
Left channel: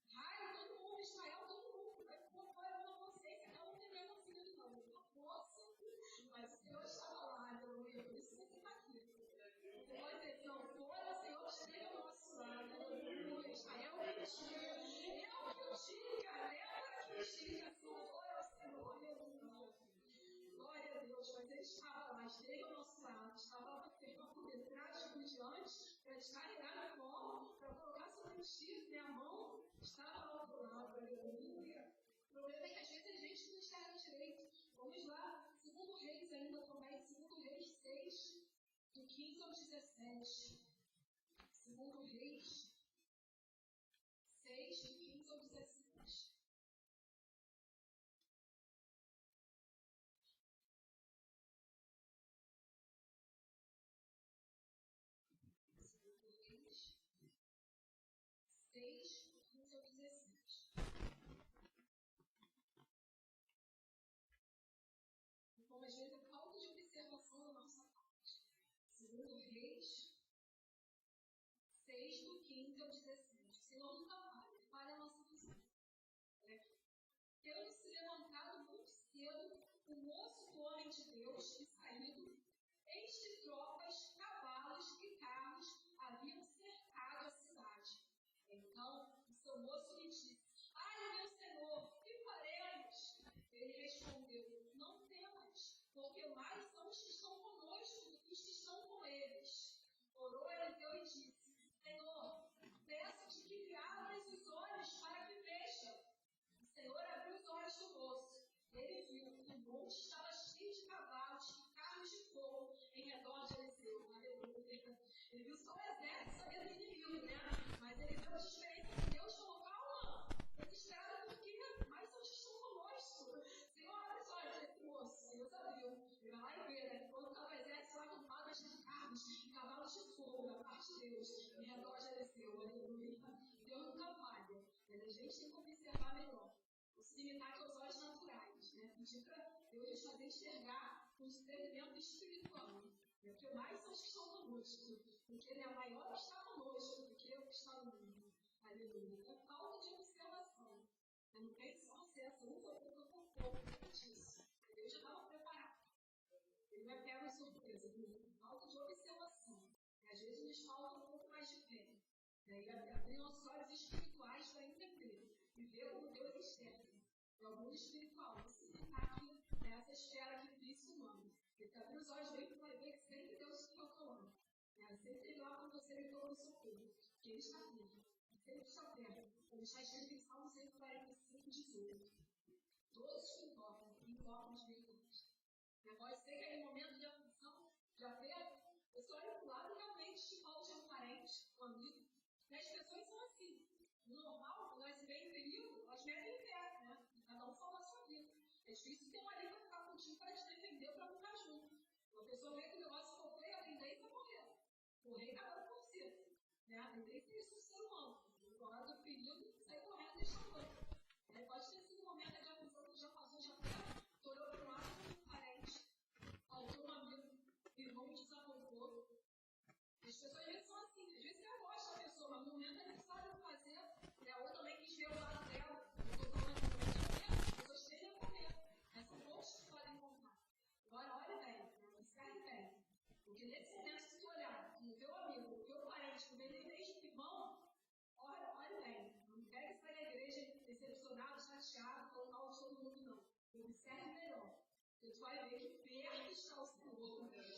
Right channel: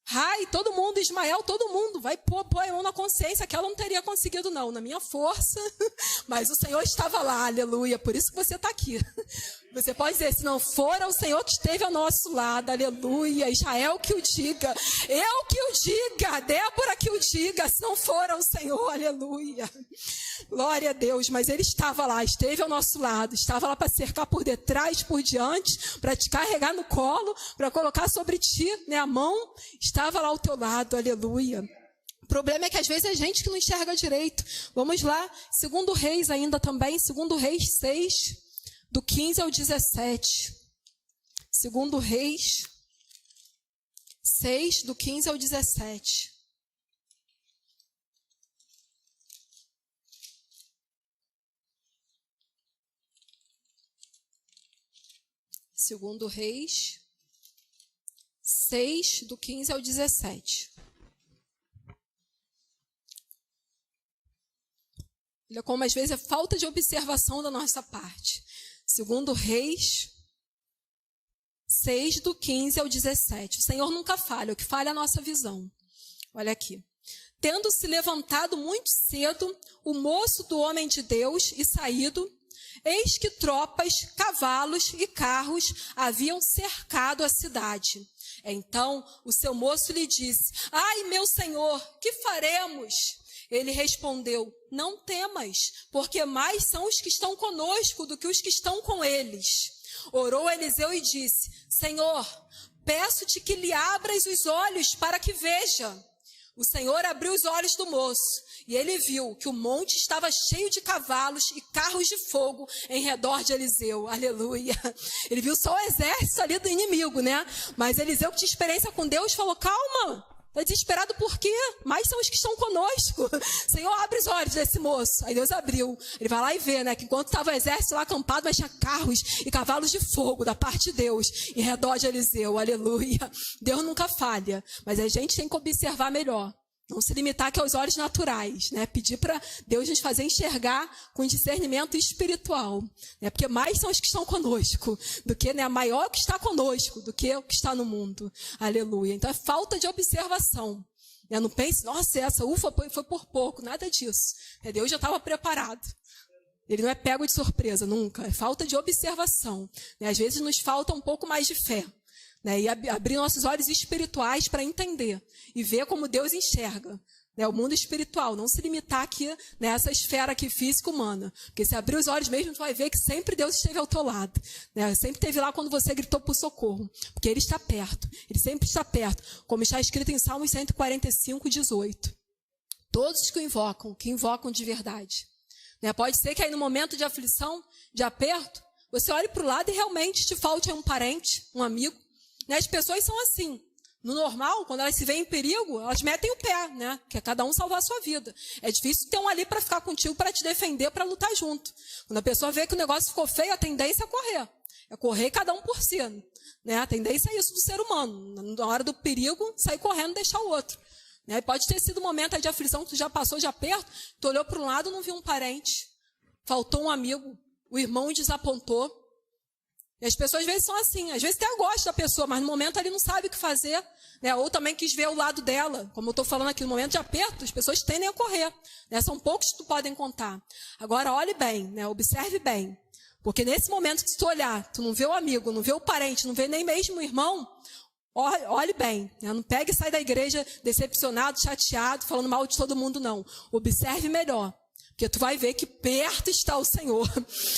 Rai, todo mundo, Ismael, todo mundo vai pôr a mão na consciência que ela não teria conseguido não, na minha força, mas o Senhor estava lá, aleluia, por isso que você está aqui. Você pode dizer, se não for o Senhor que esteve ao nosso lado, aleluia, Israel que o diga, eu que o diga, Débora que o diga, se não for o Senhor, aleluia. Glória a Deus, mas ele estava lá, esteve ao nosso lado, estava lá para cercar por detrás, por diante, para te carregar no colo, para colocar sobre ti, né, a mão, estava lá ao teu lado, aleluia. O problema é que às vezes é gente que não enxerga direito. Vamos lá, 2 Reis ainda também, 2 Reis 6, do 15 ao 17. 2 Reis 6, do 15 ao 17. Segundo Reis 6, do 15 ao 17. Olha como às vezes é falta de observação da nossa parte. Segundo Reis 6, do 15 ao 17. O Senhor nunca falha, o que falha é a nossa visão. Olha aqui. Tendo se levantado muito cedo, o moço do homem de Deus e saído, eis que tropas, cavalos e carros haviam cercado a cidade. Então o seu moço lhe disse, ai, meu senhor, que faremos? Ele respondeu, não temas, porque mais são os que estão conosco do que os que estão com eles. Orou Eliseu e disse, Senhor, peço-te que lhe abras os olhos para que veja. O Senhor abriu os olhos do moço, e ele viu que o monte estava cheio de cavalos e carros de fogo em redor de Eliseu. Aleluia. Ele viu só o exército ali do inimigo, né? Mas Eliseu, que tinha experiência com Deus, falou, calma, está desesperado por quê? Mais são os que estão conosco. Senhor, abre os olhos desse moço. Aí Deus abriu. Ele vai lá e vê, né? Que enquanto estava o exército lá acampado, mas tinha carros e cavalos de fogo da parte de Deus em redor de Eliseu. Aleluia. Deus nunca falha, mas a gente tem que observar melhor. Não se limitar aqui aos olhos naturais, né? Pedir para Deus nos fazer enxergar com discernimento espiritual, né? Porque mais são os que estão conosco do que, né? Maior que está conosco do que o que está no mundo. Aleluia. Então é falta de observação. Né? Não pense, nossa, essa ufa foi por pouco, nada disso. Deus já estava preparado. Ele não é pego de surpresa, nunca. É falta de observação. Né? Às vezes nos falta um pouco mais de fé. Né, e abrir nossos olhos espirituais para entender e ver como Deus enxerga. O mundo espiritual, não se limitar aqui nessa esfera aqui física humana. Porque se abrir os olhos mesmo, tu vai ver que sempre Deus esteve ao teu lado. Sempre esteve lá quando você gritou por socorro. Porque Ele está perto. Ele sempre está perto. Como está escrito em Salmos 145, 18. Todos que invocam de verdade. Pode ser que aí no momento de aflição, de aperto, você olhe para o lado e realmente te falte um parente, um amigo. As pessoas são assim. No normal, quando elas se veem em perigo, elas metem o pé, que é cada um salvar a sua vida. É difícil ter um ali para ficar contigo, para te defender, para lutar junto. Quando a pessoa vê que o negócio ficou feio, a tendência é correr. É correr cada um por si. A tendência é isso do ser humano. Na hora do perigo, sair correndo e deixar o outro. Pode ter sido um momento aí de aflição que tu já passou de aperto, tu olhou para um lado e não viu um parente. Faltou um amigo, o irmão desapontou. E as pessoas às vezes são assim, às vezes até gosta da pessoa, mas no momento ali não sabe o que fazer, ou também quis ver o lado dela. Como eu estou falando aqui, no momento de aperto, as pessoas tendem a correr. São poucos que tu podem contar. Agora, olhe bem, observe bem. Porque nesse momento que tu olhar, tu não vê o amigo, não vê o parente, não vê nem mesmo o irmão, olhe bem. Não pegue e sai da igreja decepcionado, chateado, falando mal de todo mundo, não. Observe melhor. Porque tu vai ver que perto está o Senhor.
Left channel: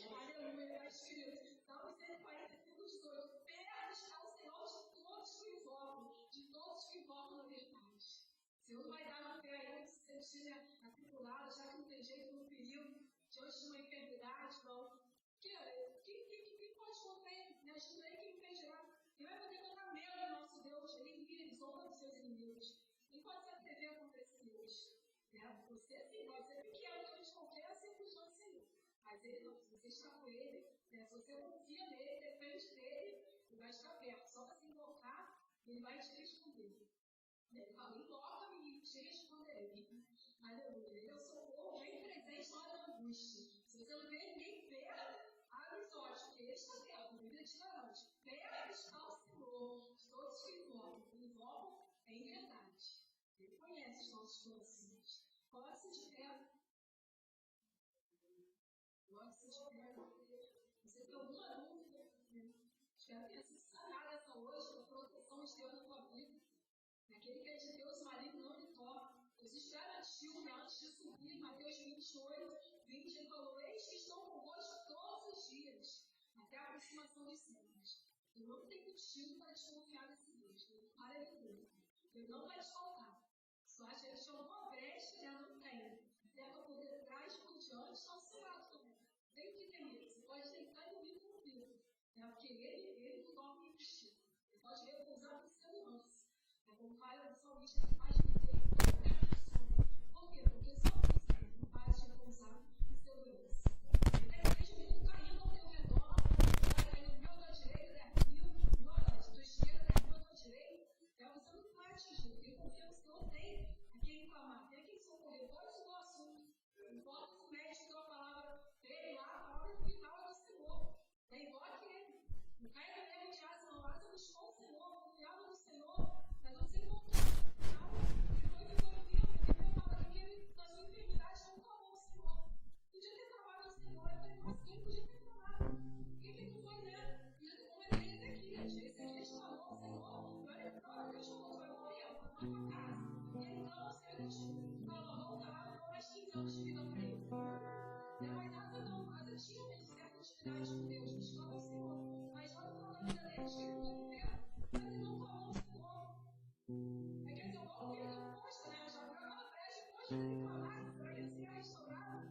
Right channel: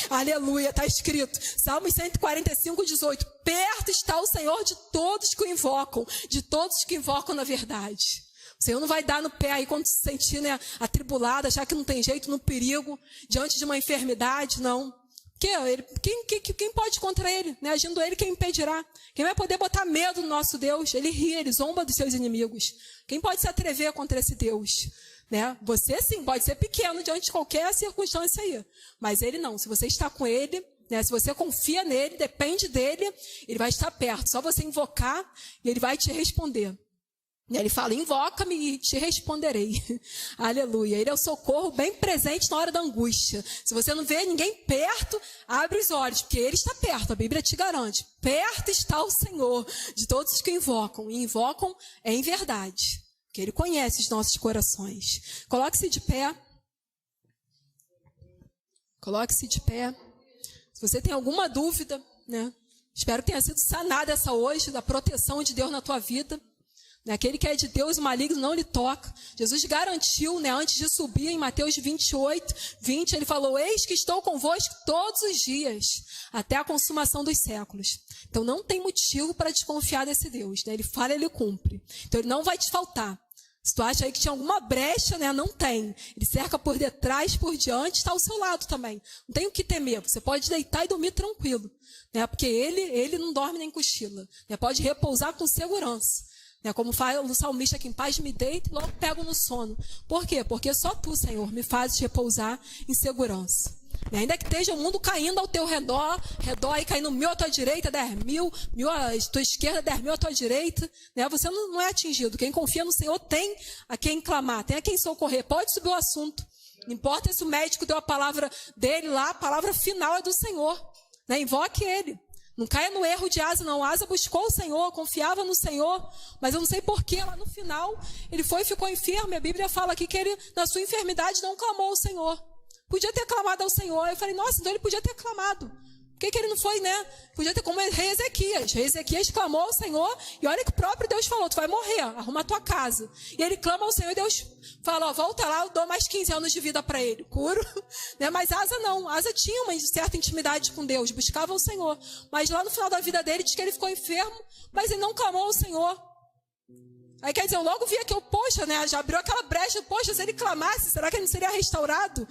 Aleluia, está escrito. Salmos 145, 18. Perto está o Senhor de todos que o invocam. De todos que invocam na verdade. O Senhor não vai dar no pé aí quando se sentir atribulado, achar que não tem jeito, no perigo, diante de uma enfermidade, não. Quem pode contra ele? Agindo ele, quem impedirá? Quem vai poder botar medo no nosso Deus? Ele ri, ele zomba dos seus inimigos. Quem pode se atrever contra esse Deus? Você sim, pode ser pequeno diante de qualquer circunstância aí, mas ele não. Se você está com ele, se você confia nele, depende dele, ele vai estar perto. Só você invocar e ele vai te responder. Ele fala, invoca-me e te responderei. Aleluia. Ele é o socorro bem presente na hora da angústia. Se você não vê ninguém perto, abre os olhos, porque ele está perto, a Bíblia te garante. Perto está o Senhor de todos os que invocam, e invocam em verdade. Porque Ele conhece os nossos corações. Coloque-se de pé. Coloque-se de pé. Se você tem alguma dúvida, espero que tenha sido sanada essa hoje, da proteção de Deus na tua vida. Aquele que é de Deus, o maligno não lhe toca. Jesus garantiu, antes de subir, em Mateus 28, 20, ele falou, eis que estou convosco todos os dias, até a consumação dos séculos. Então não tem motivo para desconfiar desse Deus. Ele fala, ele cumpre. Então ele não vai te faltar. Se tu acha aí que tinha alguma brecha, não tem. Ele cerca por detrás, por diante, está ao seu lado também. Não tem o que temer. Você pode deitar e dormir tranquilo. Porque ele não dorme nem cochila. Pode repousar com segurança. Como fala o salmista, que em paz me deito e logo pego no sono. Por quê? Porque só tu, Senhor, me fazes repousar em segurança. Ainda que esteja o mundo caindo ao teu redor e caindo 1.000 à tua direita, 10.000, 1.000 à tua esquerda, 10.000 à tua direita, você não é atingido. Quem confia no Senhor tem a quem clamar, tem a quem socorrer. Pode subir o assunto. Não importa se o médico deu a palavra dele lá, a palavra final é do Senhor. Invoque Ele. Não caia no erro de Asa, não. Asa buscou o Senhor, confiava no Senhor, mas eu não sei porquê, lá no final, ele foi e ficou enfermo. A Bíblia fala aqui que ele, na sua enfermidade, não clamou ao Senhor. Podia ter clamado ao Senhor. Eu falei, nossa, então ele podia ter clamado. Por que ele não foi, Podia ter como rei Ezequias. Rei Ezequias clamou ao Senhor, e olha que o próprio Deus falou, tu vai morrer, arruma a tua casa. E ele clama ao Senhor, e Deus fala, volta lá, eu dou mais 15 anos de vida para ele. Curo. Mas Asa não. Asa tinha uma certa intimidade com Deus, buscava o Senhor. Mas lá no final da vida dele, diz que ele ficou enfermo, mas ele não clamou ao Senhor. Aí quer dizer, eu logo vi aqui, já abriu aquela brecha, se ele clamasse, será que ele não seria restaurado?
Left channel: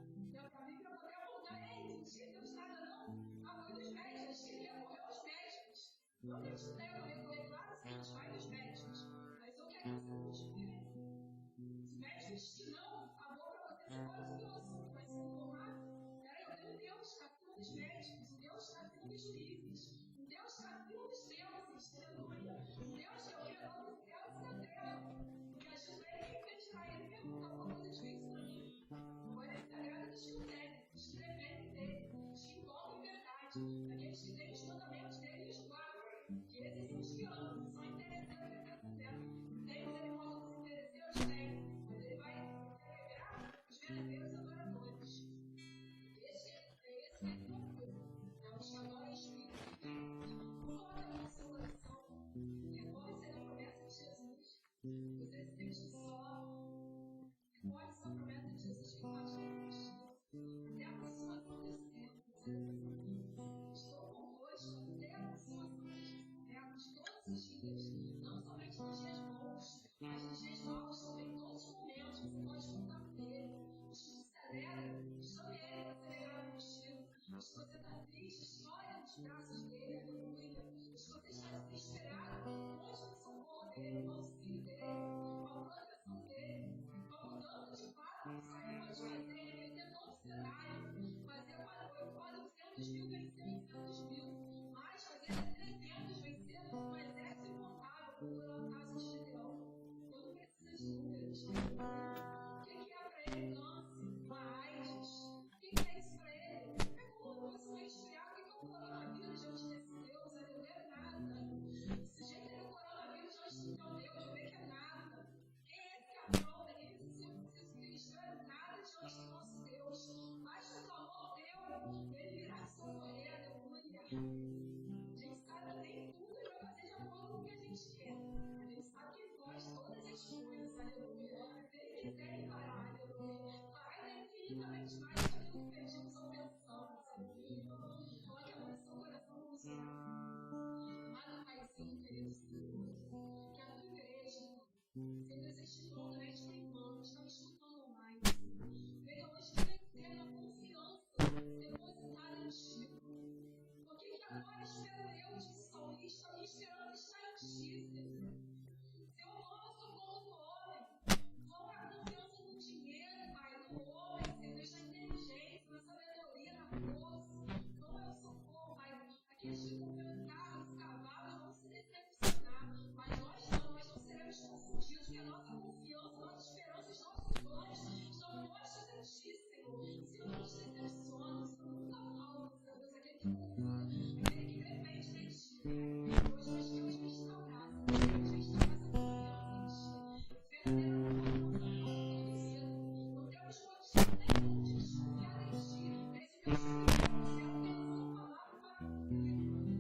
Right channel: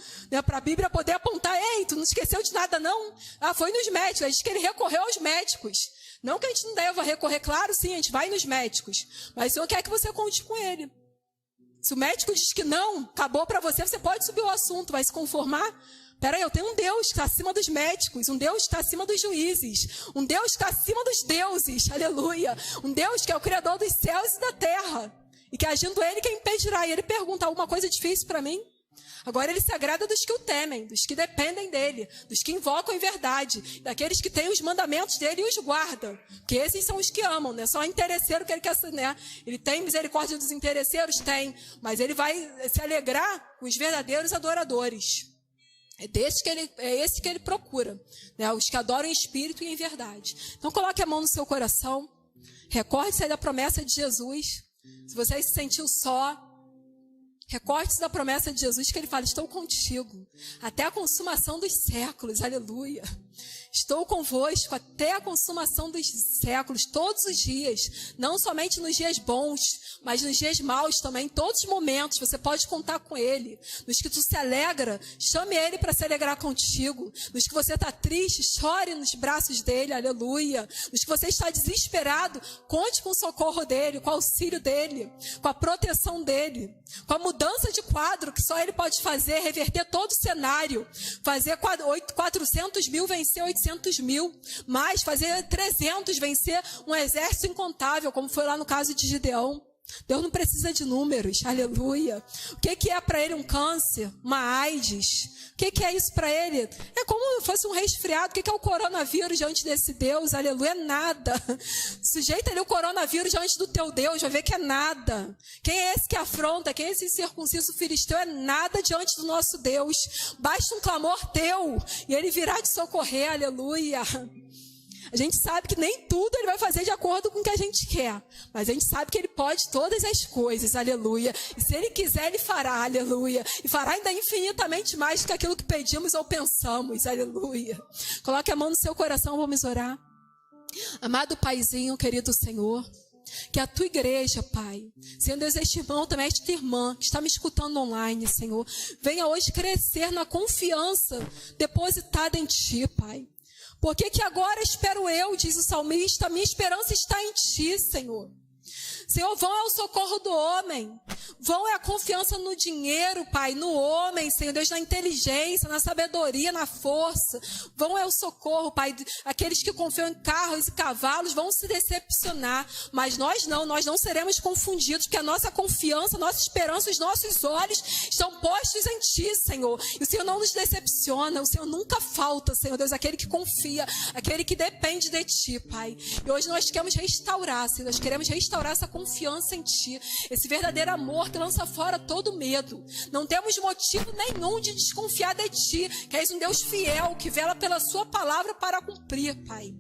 Para a Bíblia poder apontar, ei, tu não esqueceu de nada não? Foi nos médicos, aí diz que ele recorreu aos médicos. Não que a gente não deva recorrer, claro, sim, a gente vai nos médicos, mas o Senhor quer que você conte com ele. Se o médico diz que não, acabou para você, você pode subir o assunto, vai se conformar? Peraí, eu tenho um Deus que está acima dos médicos, um Deus que está acima dos juízes, um Deus que está acima dos deuses, aleluia. Um Deus que é o Criador dos céus e da terra, e que agindo Ele, quem impedirá? E Ele pergunta, alguma coisa difícil para mim? Agora Ele se agrada dos que o temem, dos que dependem dEle, dos que invocam em verdade, daqueles que têm os mandamentos dEle e os guardam, que esses são os que amam, só interesseiro que Ele quer, Ele tem misericórdia dos interesseiros? Tem, mas Ele vai se alegrar com os verdadeiros adoradores. É esse que Ele procura, os que adoram em espírito e em verdade. Então coloque a mão no seu coração, recorde-se aí da promessa de Jesus. Se você se sentiu só, Recortes da promessa de Jesus que ele fala: estou contigo até a consumação dos séculos, aleluia. Estou convosco até a consumação dos séculos, todos os dias, não somente nos dias bons, mas nos dias maus também, em todos os momentos, você pode contar com Ele. Nos que tu se alegra, chame Ele para se alegrar contigo. Nos que você está triste, chore nos braços dEle, aleluia. Nos que você está desesperado, conte com o socorro dEle, com o auxílio dEle, com a proteção dEle, com a mudança de quadro que só Ele pode fazer, reverter todo o cenário, fazer 400 mil vencer 800 mil, mas fazer 300 vencer um exército incontável, como foi lá no caso de Gideão. Deus não precisa de números, aleluia. O que é para ele um câncer, uma AIDS? O que é isso para ele? É como se fosse um resfriado. O que é o coronavírus diante desse Deus? Aleluia, é nada. Sujeita ali o coronavírus diante do teu Deus, vai ver que é nada. Quem é esse que afronta? Quem é esse circunciso filisteu? É nada diante do nosso Deus. Basta um clamor teu e ele virá te socorrer, aleluia. A gente sabe que nem tudo ele vai fazer de acordo com o que a gente quer. Mas a gente sabe que ele pode todas as coisas, aleluia. E se ele quiser, ele fará, aleluia. E fará ainda infinitamente mais do que aquilo que pedimos ou pensamos, aleluia. Coloque a mão no seu coração, vamos orar. Amado Paizinho, querido Senhor, que a tua igreja, Pai, Senhor Deus, este irmão também, esta irmã que está me escutando online, Senhor, venha hoje crescer na confiança depositada em Ti, Pai. Porque que agora espero eu, diz o salmista, minha esperança está em Ti, Senhor. Senhor, vão ao socorro do homem, vão é a confiança no dinheiro, Pai, no homem, Senhor Deus, na inteligência, na sabedoria, na força, vão é o socorro, Pai, aqueles que confiam em carros e cavalos vão se decepcionar, mas nós não seremos confundidos, porque a nossa confiança, a nossa esperança, os nossos olhos estão postos em Ti, Senhor, e o Senhor não nos decepciona, o Senhor nunca falta, Senhor Deus, aquele que confia, aquele que depende de Ti, Pai, e hoje nós queremos restaurar, Senhor, nós queremos restaurar essa confiança em Ti, esse verdadeiro amor que lança fora todo medo. Não temos motivo nenhum de desconfiar de Ti, que és um Deus fiel, que vela pela Sua palavra para cumprir, Pai.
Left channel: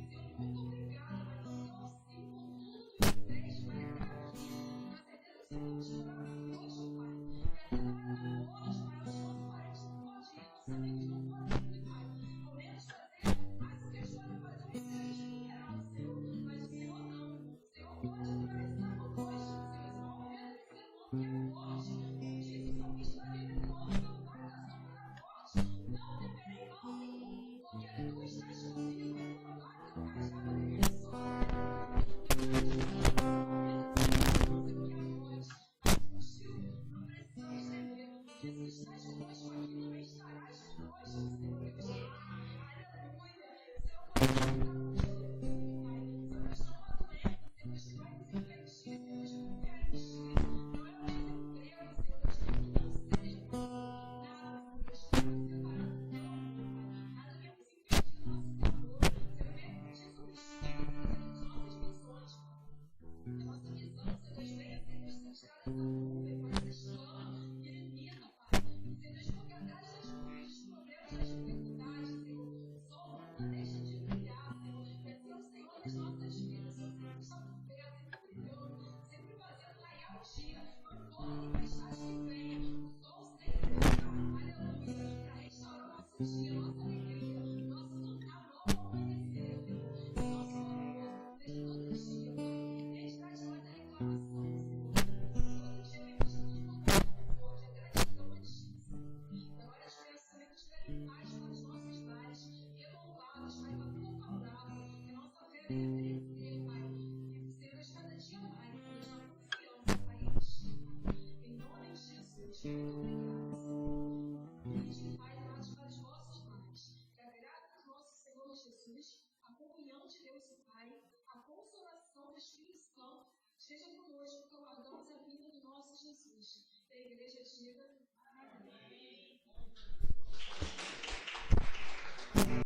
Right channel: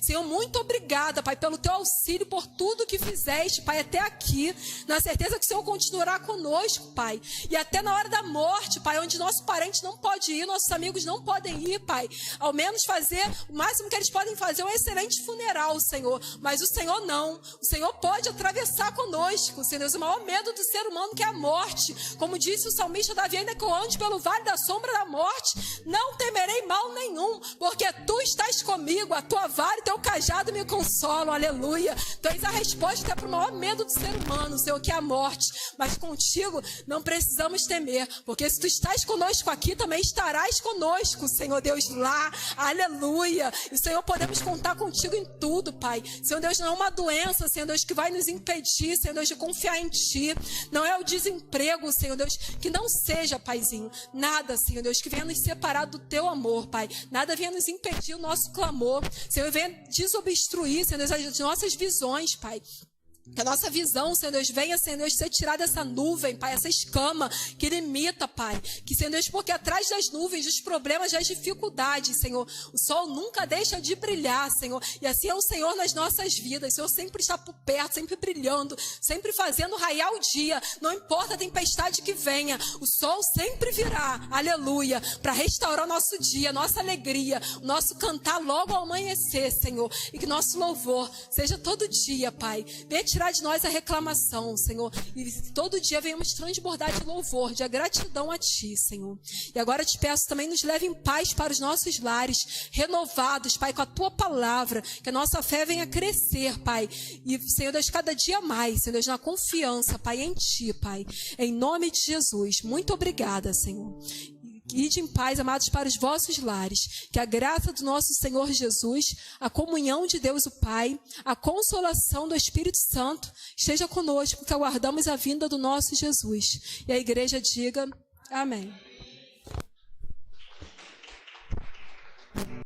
Senhor, muito obrigada, Pai, pelo Teu auxílio, por tudo que fizeste, Pai, até aqui, na certeza que o Senhor continuará conosco, Pai, e até na hora da morte, Pai, onde nosso parente não pode ir, nossos amigos não podem ir, Pai, ao menos fazer, o máximo que eles podem fazer é um excelente funeral, Senhor, mas o Senhor não, o Senhor pode atravessar conosco, Senhor Deus, o maior medo do ser humano que é a morte, como disse o salmista Davi, ainda que eu ande pelo vale da sombra da morte, não temerei mal nenhum, porque Tu estás comigo, a Tua vara e Teu cajado me consolam, aleluia. Tu és a resposta para o maior medo do ser humano, Senhor, que é a morte. Mas contigo não precisamos temer, porque se Tu estás conosco aqui, também estarás conosco, Senhor Deus, lá, aleluia. E Senhor, podemos contar contigo em tudo, Pai. Senhor Deus, não é uma doença, Senhor Deus, que vai nos impedir, Senhor Deus, de confiar em Ti. Não é o desemprego, Senhor Deus, que não seja, Paizinho, nada, Senhor Deus, que venha nos separar do Teu amor, Pai. Nada venha nos impedir o nosso clamor, Senhor, venha desobstruir, Senhor Deus, as nossas visões, Pai. Que a nossa visão, Senhor Deus, venha, Senhor Deus, ser tirada dessa nuvem, Pai, essa escama que limita, Pai. Que, Senhor Deus, porque atrás das nuvens, dos problemas, das dificuldades, Senhor, o sol nunca deixa de brilhar, Senhor. E assim é o Senhor nas nossas vidas. O Senhor sempre está por perto, sempre brilhando, sempre fazendo raiar o dia. Não importa a tempestade que venha, o sol sempre virá, aleluia, para restaurar o nosso dia, nossa alegria, o nosso cantar logo ao amanhecer, Senhor. E que nosso louvor seja todo dia, Pai. Venha tirar de nós a reclamação, Senhor, e todo dia venhamos transbordar de louvor, de gratidão a Ti, Senhor. E agora te peço também, nos leve em paz para os nossos lares, renovados, Pai, com a Tua palavra, que a nossa fé venha crescer, Pai, e, Senhor Deus, cada dia mais, Senhor Deus, na confiança, Pai, em Ti, Pai, em nome de Jesus. Muito obrigada, Senhor. Ide em paz, amados, para os vossos lares. Que a graça do nosso Senhor Jesus, a comunhão de Deus o Pai, a consolação do Espírito Santo esteja conosco, que aguardamos a vinda do nosso Jesus. E a igreja diga amém.